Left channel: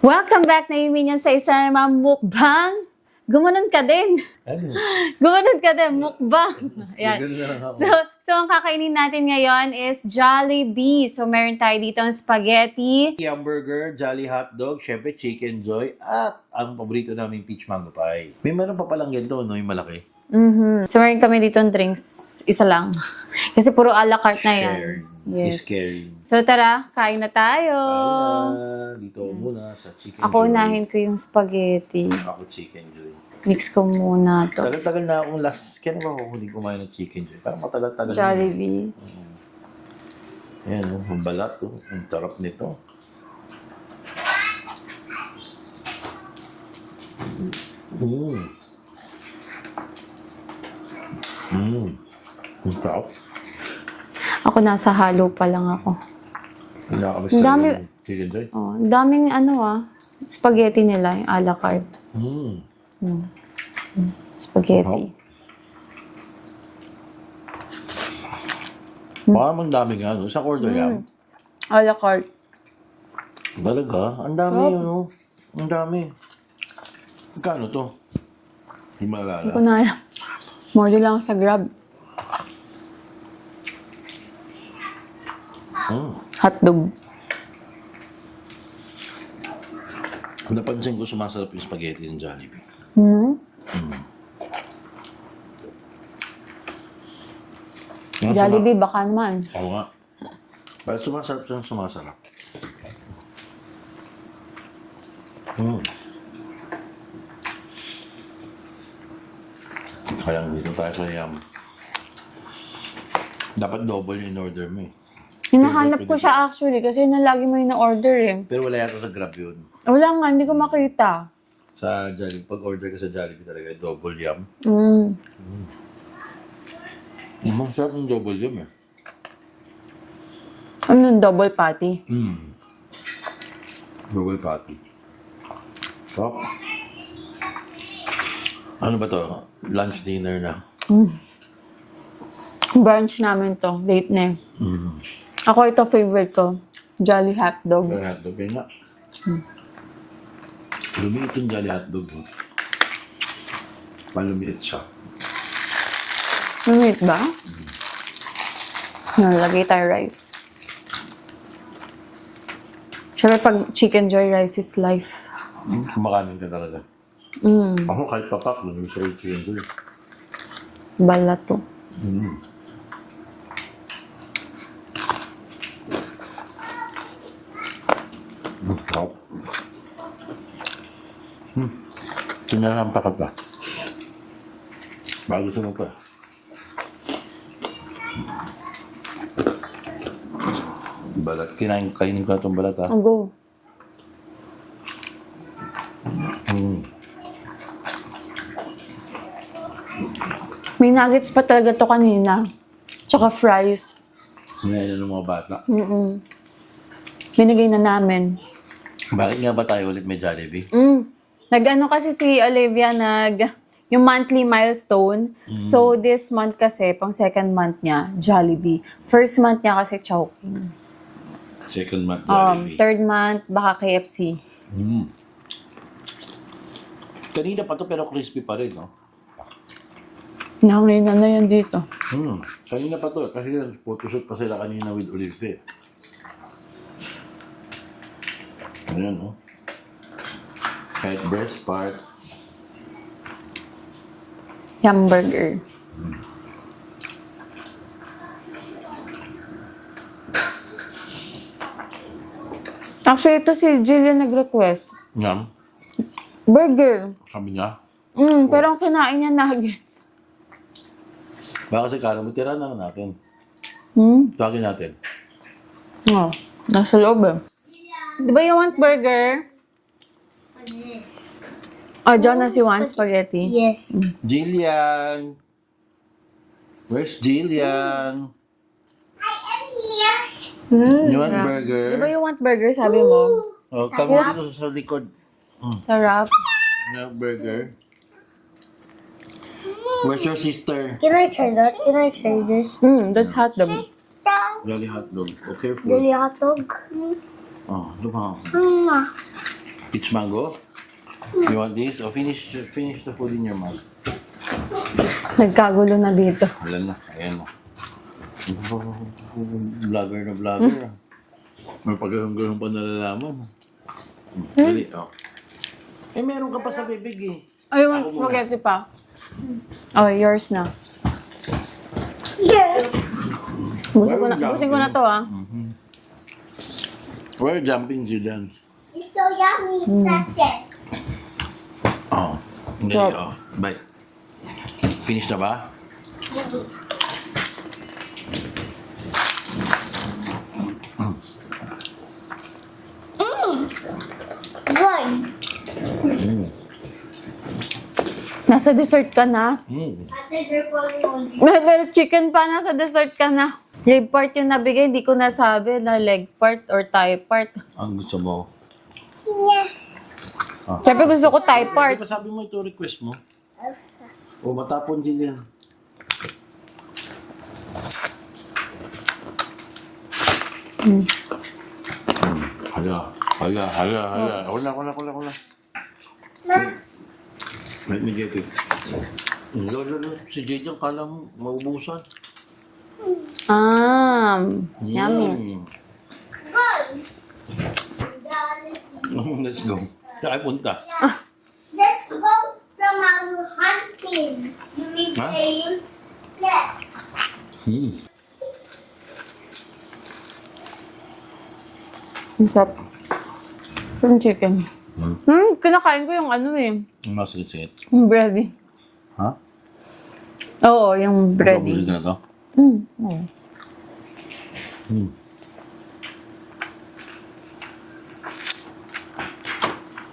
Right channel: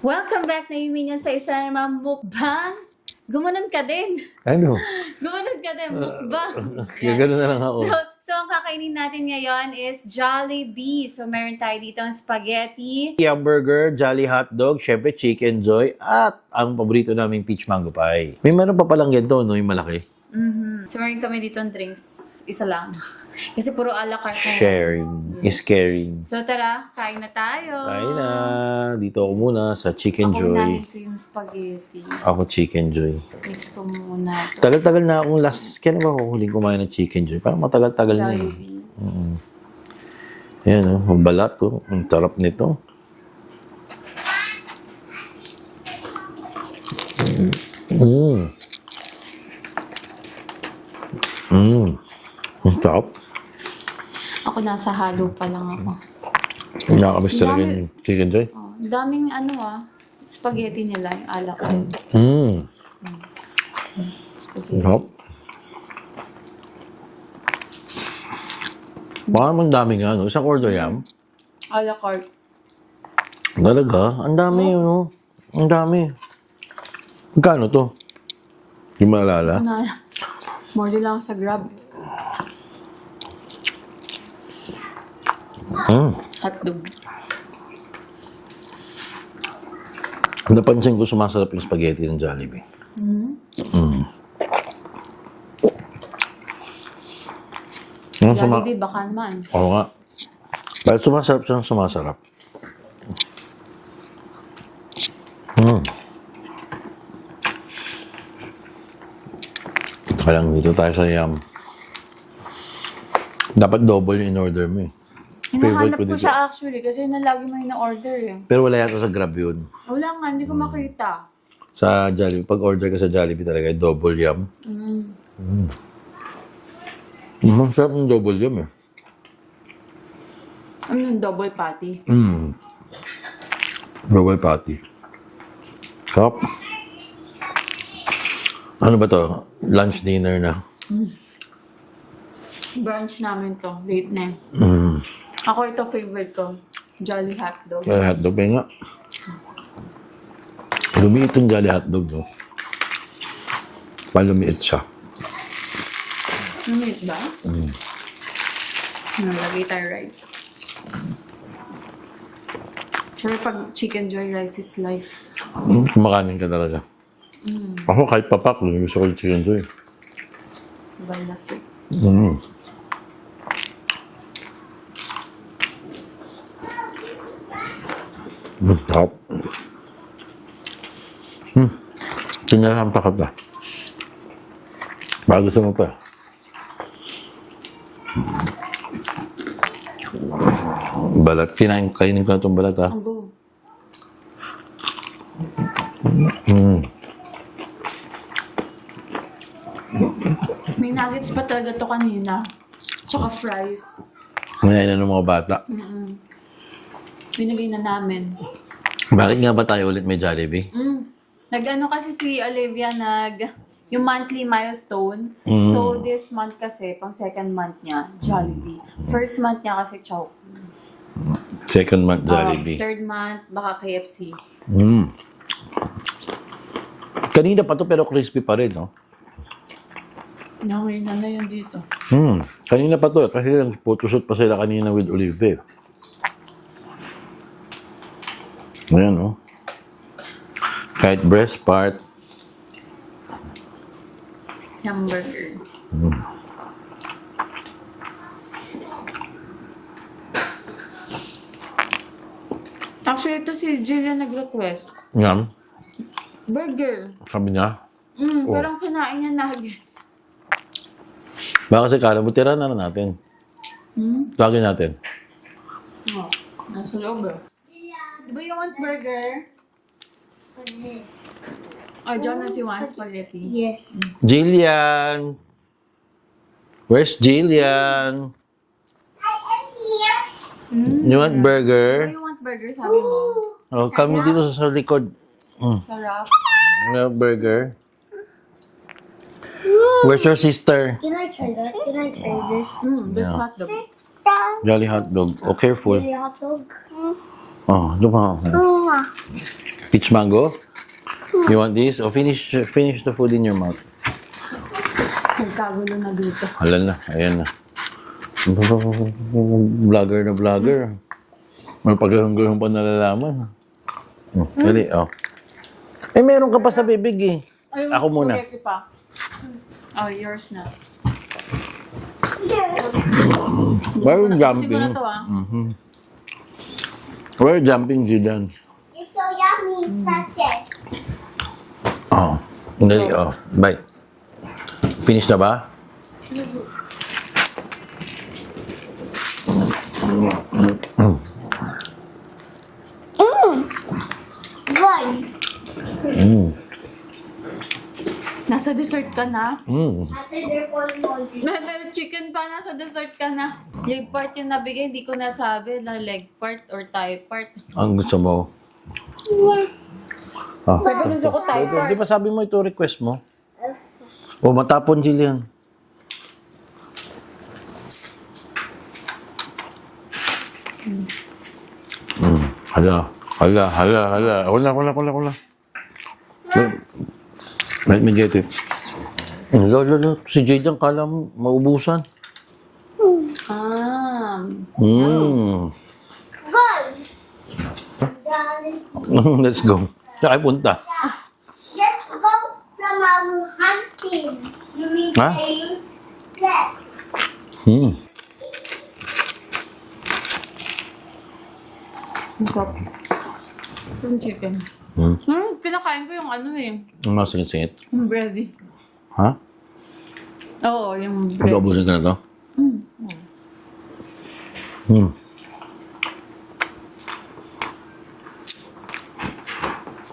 Welcome back na Minions sa isa namang mukbang. Gumanon ka din. Ano? Gumanon ka din, mukbang. Kaya gano'n na lang ako. So, ang kakainin natin ngayon is Jollibee. So, meron tayo dito ang spaghetti. Hamburger, Jolly Hotdog, syempre Chicken Joy, at ang paborito naming peach mango pie. May meron pa palang ganito, no? Yung malaki. So, meron kami dito ng drinks. Isa lang. Kasi puro a la carte na yan. Sharing is caring. So, tara, kain na tayo. Kain na. Dito ako muna sa Chicken Ako Joy. unahin ko yung spaghetti. Ako Chicken Joy. Mix ko muna to. Tagal-tagal na akong last. Kailan ba ako huling kumain ng Chicken Joy? Parang matagal-tagal na. Jollibee. Yan, ang balat to. Ang tarap nito. Ang tarap. Ako nasa halo pa lang ako. Nakakabis Ang talaga dami- yung Chicken Joy. Oh, ang daming spaghetti nila, yung a la carte. Spaghetti. Oh. Baka ang daming ano. Isang order yan. A la carte. Talaga? Ang dami yun. Oh. Ang dami. Magkano to? Yung maalala? Ako na More lang sa Grab. Hotdog. Napansin ko sumasarap yung spaghetti ng Jollibee. Jollibee, baka naman. Oo nga. Dahil sumasarap siyang sumasarap. Kaya lang dito tayo sa Yum. Dapat double yung in-order mo eh. Hinahanap Favorite ko ko dito. siya actually kasi yun ang lagi mo yung na-order eh. Pero wala yata sa Grab yun. Wala nga, hindi ko makita. Sa Jollibee, pag order ka sa Jollibee talaga, double Yum. Sarap yung double Yum eh. Ano yung double patty? Double patty. Sarap. Ano ba to? Lunch, dinner na. Brunch namin to. Late na eh. Ako ito favorite ko. Jolly Hotdog. Kaya hotdog, may nga. Lumiit yung Jolly Hotdog, no? Palumiit siya. Lumit ba? Nalagay tayo rice. Siyempre pag Chicken Joy rice is life. Kumakanin ka talaga. Ako kahit papak, gusto ko yung Chicken Joy. Balat to. Top. Sinahampa ka pa. Baka gusto mo pa. Balat. Kainin ko na itong balat, ha? Ang go. May nuggets pa talaga to kanina. Tsaka fries. Ngayon na ng mga bata. Binigay na namin. Bakit nga ba tayo ulit may Jollibee? Nag-ano kasi si Olivia, yung monthly milestone. So, this month kasi, pang second month niya, Jollibee. First month niya kasi Chowking. Second month Jollibee. Third month, baka KFC. Kanina pa to pero crispy pa rin, no? Nahangin na yan dito. Kanina pa to kasi photoshoot pa sila kanina with Olive. Ayan, no? Kahit breast part. Hamburger. Actually, ito si Jillian nag-request. Yan. Burger. Sabi niya. Pero ang kinain niya nuggets. Baka kasi kala mo, tira na natin. Tawagin natin. Oh, nasa loob eh. Di ba you want burger? This. Oh, Jonas, you want spaghetti? Yes. Jillian! Where's Jillian? I am here. You want Di ba burger? you want burger, sabi mo? Oh, come dito sa likod. Sarap. Burger. Where's your sister? Can I try that? Can I try this? That's hot dog. Down. Jolly hot dog. Oh, careful. Really hot dog. Oh, doon pa. Peach mango? You want this? Oh, finish the food in your mouth. Nagkagulo na dito. Hala na, ayan na. Vlogger na vlogger. May pagkakangulong pa nalalaman. Dali, oh. Eh, meron ka pa sa bibig eh. Ay, Ako muna. spaghetti pa. Oh, yours na. Yeah. Busin ko na to, ah. We're jumping, Zidane. It's so yummy. That's it. Oh. Dali, oh. Bite. Finish na ba? Good. Nasa dessert ka na. After they're falling on you. Well, chicken pa, nasa dessert ka na. Rib part yung nabigay, hindi ko nasabi na leg part or thigh part. Ang gusto mo? Sabi gusto ko thigh part. Di ba sabi mo ito request mo? O matapon, Jillian. Hala. Ako na. Let me get it. Lalo, si Jade ang kala mo, maubusan. Yummy. Good. Darling. Let's go. Saan kayo punta? Just go from our hunting. You mean Huh? playing? Yes. Ang sarap. Yung chicken. Kinakain ko yung ano eh. Ang mga singit-singit. Yung bready. Ha? Oo, yung bready. Pag-abusin ka na to?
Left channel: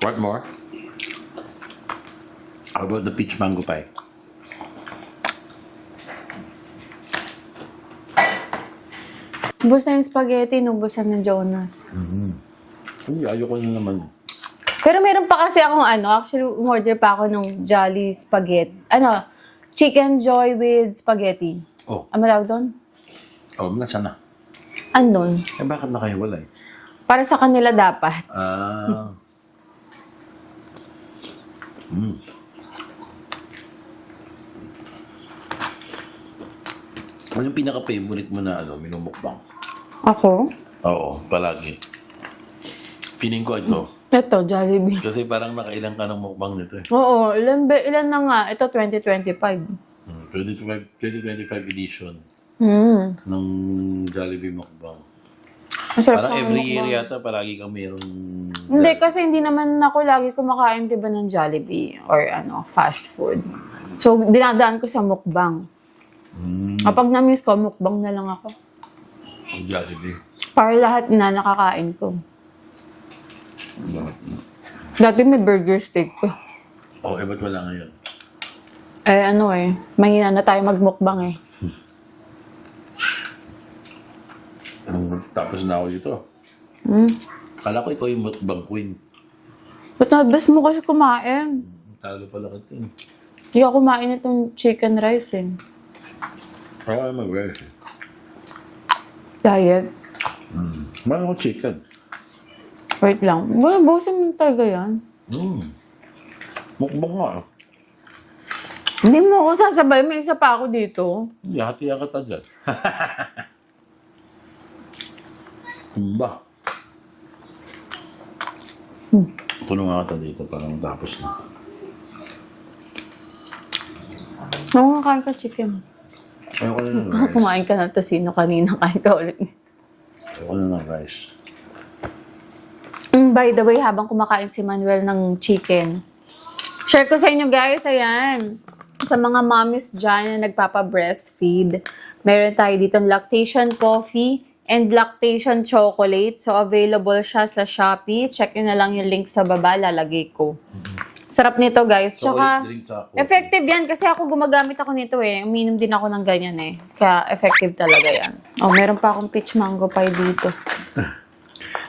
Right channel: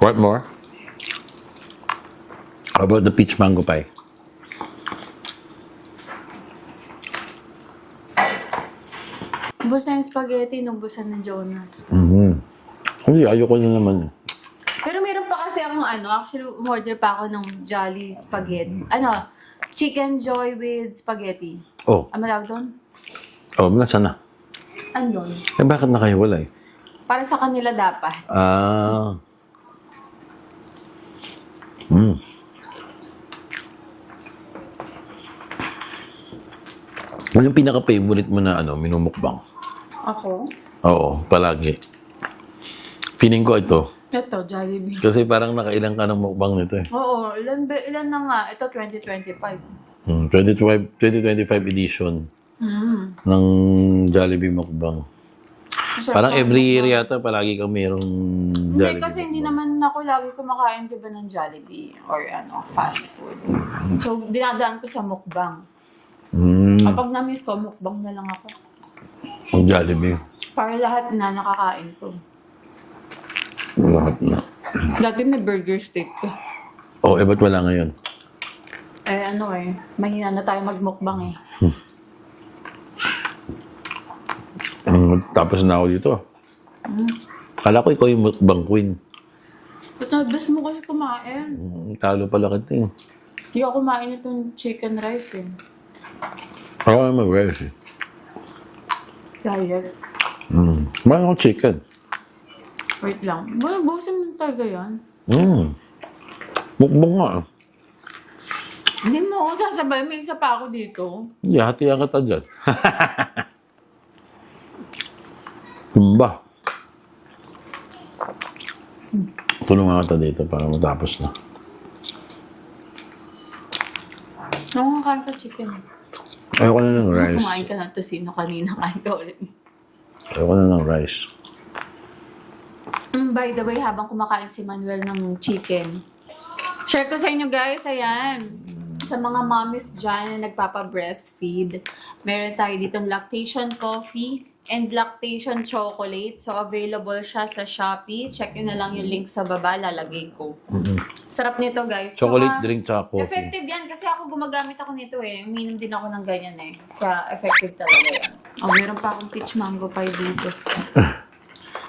What more? How about the peach mango pie? Ubus na yung spaghetti, nubusan ng Jonas. Hindi, ayoko na naman. Pero meron pa kasi akong actually umorder pa ako ng Jolly Spaghetti. Chicken Joy with spaghetti. Oh, Ano tawag doon? nasa na? Andun. Eh, bakit nakahiwalay? Para sa kanila dapat. Ah. Ano yung pinaka-favorite mo na minumukbang? Ako? Oo, palagi. Feeling ko ito. Ito, Jollibee. Kasi parang nakailang ka ng mukbang nito eh. Oo, ilan na nga? Ito, 2025. 2025 edition ng Jollibee mukbang. Masarap Parang ang every mukbang. year yata palagi kang mayroong Hindi, Jollibee. kasi hindi naman ako lagi kumakain, diba, ng Jollibee or fast food. So, dinadaan ko sa mukbang. Kapag na-miss ko, mukbang na lang ako. Ang Jollibee. Para lahat na nakakain ko. Lahat na. Dati may burger steak pa. Oh, ba't wala ngayon? Mahina na tayo magmukbang eh. Tapos na ako dito. Kala ko ikaw yung mukbang queen. Best mo kasi kumain. Talo pala kita eh. Hindi ako kumain itong chicken rice eh. Ako ay mag-rice eh. Diet. Kumain ako chicken. Wait lang. Busin mo talaga yan. Mukbang nga. Hindi mo ako sasabay. May isa pa ako dito. Hindi, hatiyan kita dyan. Tumba. Tulungan kita dito para matapos na. Nakakain ka chicken. Ayoko na ng rice. Kumain ka ng tosino kanina. Kain ka ulit. Ayoko na ng rice. By the way, habang kumakain si Manuel ng chicken, share ko sa inyo guys, ayan. Sa mga mommies dyan na nagpapa-breastfeed, meron tayo dito lactation coffee and lactation chocolate. So, available siya sa Shopee. Check nyo na lang yung link sa baba, lalagay ko. Sarap nito guys. Chocolate drink tsaka coffee. Effective yan kasi ako gumagamit ako nito eh. Uminom din ako ng ganyan eh. Kaya effective talaga yan. Oh, meron pa akong peach mango pie dito.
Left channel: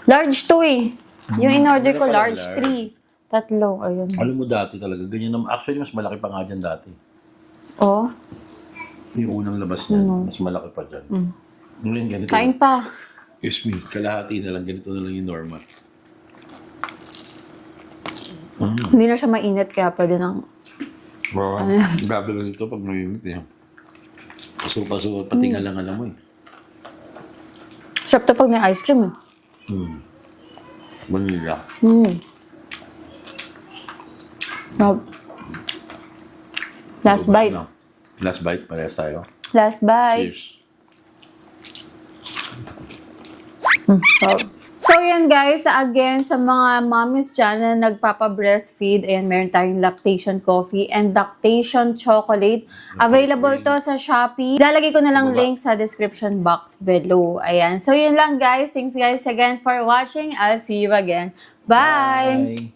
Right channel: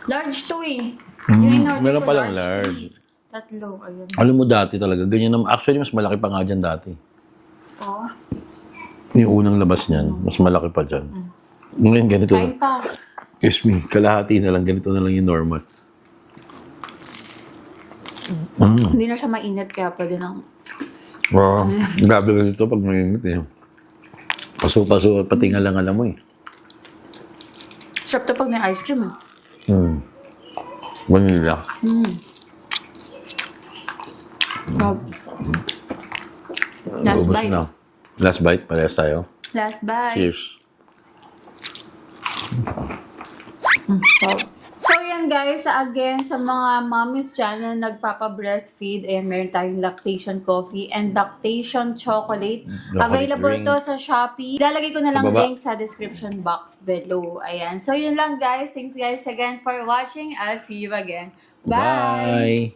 Large to eh. Yung in-order meron ko, palang large large. 3. Tatlo, ayun. Alam mo dati talaga, ganyan naman. Actually, mas malaki pa nga dyan dati. Oh, Yung unang labas niyan, mas malaki pa dyan. Ngayon, ganito kain lang. pa. Excuse me, kalahati na lang. Ganito na lang yung normal. Hindi na siya mainit kaya pwede nang... Wow. Grabe kasi ito pag mainit eh. Paso-paso at pati nga lang alam mo eh. Sarap to pag may ice cream eh. Vanilla. Oh. Last Ubus bite. na. Last bite, parehas tayo. Last bite. Cheers. So, yan guys, again, sa mga mommies dyan na nagpapa-breastfeed, ayan, meron tayong lactation coffee and lactation chocolate. Available drink. to sa Shopee. Lalagay ko na lang Baba. link sa description box below. Ayan. So, yun lang guys. Thanks guys again for watching. I'll see you again. Bye! Bye.